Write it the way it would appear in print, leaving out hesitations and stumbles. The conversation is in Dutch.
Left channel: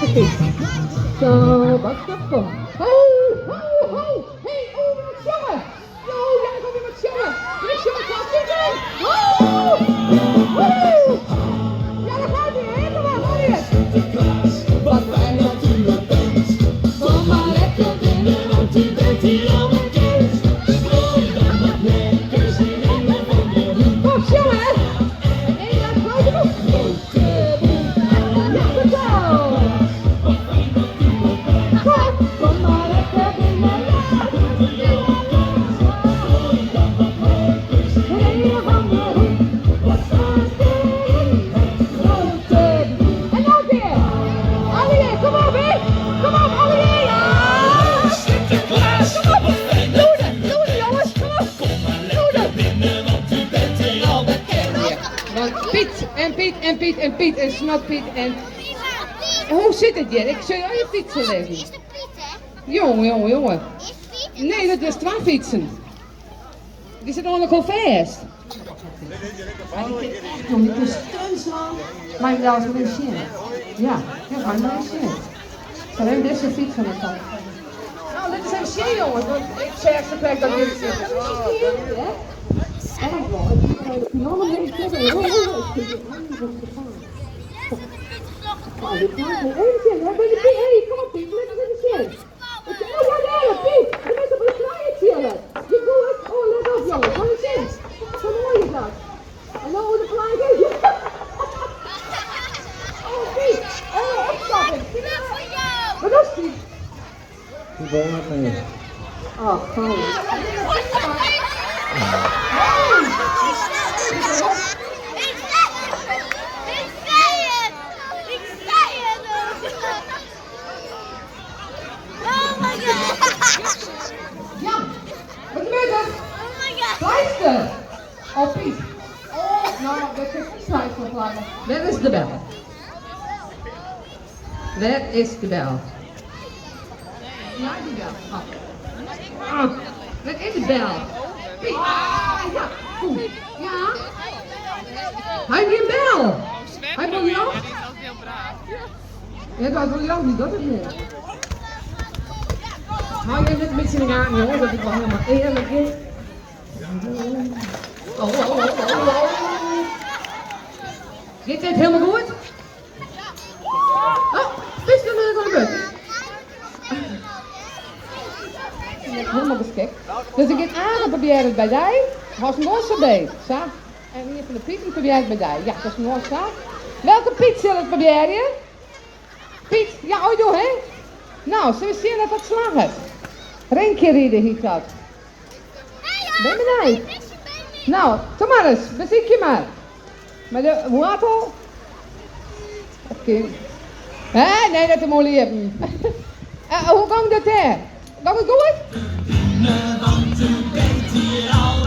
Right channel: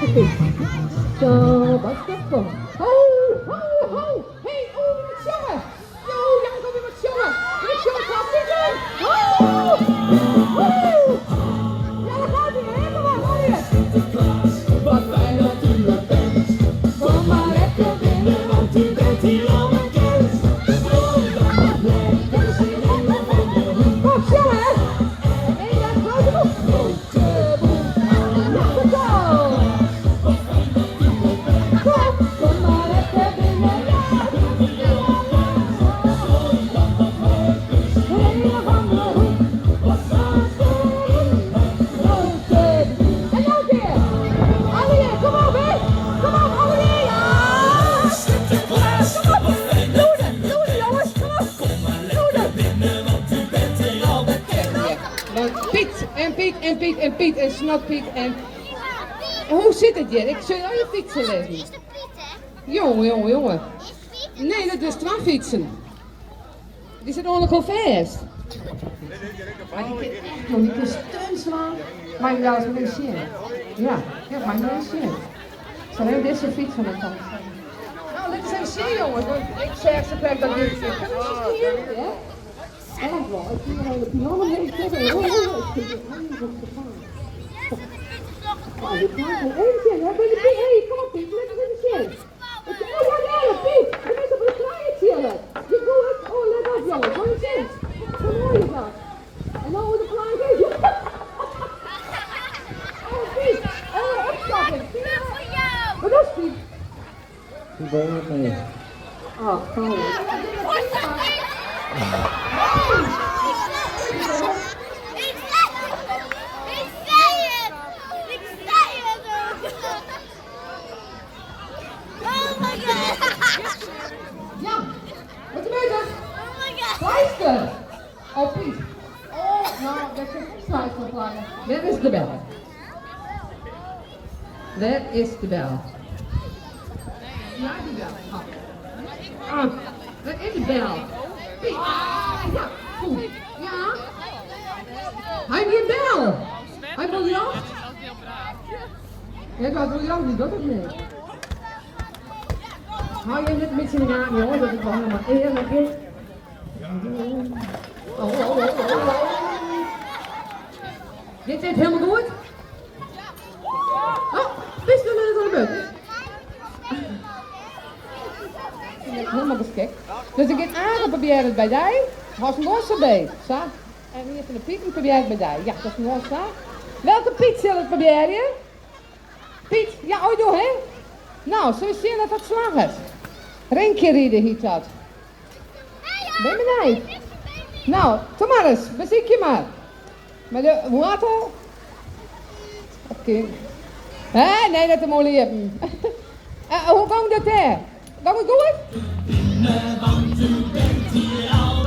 deze fiets. Zo, wat stoppen. Ho, ho, ho. Hey, oh, wat jongen. Yo, Jan, kom weer wat jongen. Dit is jongen, gaat het doen. Ho, woe. Ja, dat gaat weer helemaal, hoor je. Wat fijn dat u er bent. Kom maar lekker binnen, want u bent hier al bekend. Gooi dan wat lekker zin in de wandelhoek. Kom, jongen. En dan grote boek. Grote boek. Lekker zo. Kom maar lekker binnen, ja. Gooi dan wat lekker zin in de wandelhoek. Wat staat erin? Grote boek. En nog weer. Allee, kom maar weer. Kom maar, allee. Ja. Sinterklaas, wat fijn dat u er bent. Jongens, kom op. Kom maar lekker binnen, want u bent hier al bekend. Want Piet en Piet en Piet en Piet en Snotpiet en... Hoe zit het, Jerk? Zul je al je fietsen leggen? Is de Piet, hè? Jongen, jongen, jongen. Is Piet? Nee, dat is 2 fietsen. Die zitten nog wel vast. Jongen, het is kruislaan. Maar je laat het niet zien. Ja, maar niet zien. Alleen deze fiets van het dan. Nou, dit is een zin, jongen. Want ik zeg ze krijgt dat niet. Erg wel. Die mannen hebben het zeggen. Oh, dit kan wel even zien. Ja, ben je Piet? Hé, kom op Piet. Let even zien. Oh ja, nee, Piet. Je bent op een kleine chillen. Je doet. Oh, let op jongen. Hoor je eens. Zo mooi is dat. En dan hoe de kleine is. Oh, Piet. Oh, opstappen. Wat is Piet? Die woont nog niet. Oh, fijn. Ja, wat gebeurt er? Luister. Oh, Piet. Oh, nou, dat is een sluitverklaring. Waar is de bel? Waar is de bel? Ja, die bel. Oh. Oh, waar is de bel? Piet. Ah, ja. Goed. Ja. Hij heeft een bel. Hij wil je ook? Ja, dat wil je ook niet, dat is niet. Hou je net een beetje in de gaten, jongen, dat het gewoon helemaal eerlijk is. Oh. Dit zit helemaal goed? Oh, is er net aan de beurt? Helemaal beschikt. Dus ik heb aangeprobeerd bij jij. Was nog zo bij. Zo. En hier van de Piet probeer het bij jij. Ja, dat is nog zo. Welke Piet zal het proberen? Piet, ja, oi doe hè? Nou, zullen we zien dat het slag heeft? Renkje rieden hiet dat. Ben je benij? Nou, kom maar eens, beziek je maar. Maar de water? Oké. Hé, nee, dat is mooi leven. Hoe kan dat hè? Kan het goed? Want u bent hier al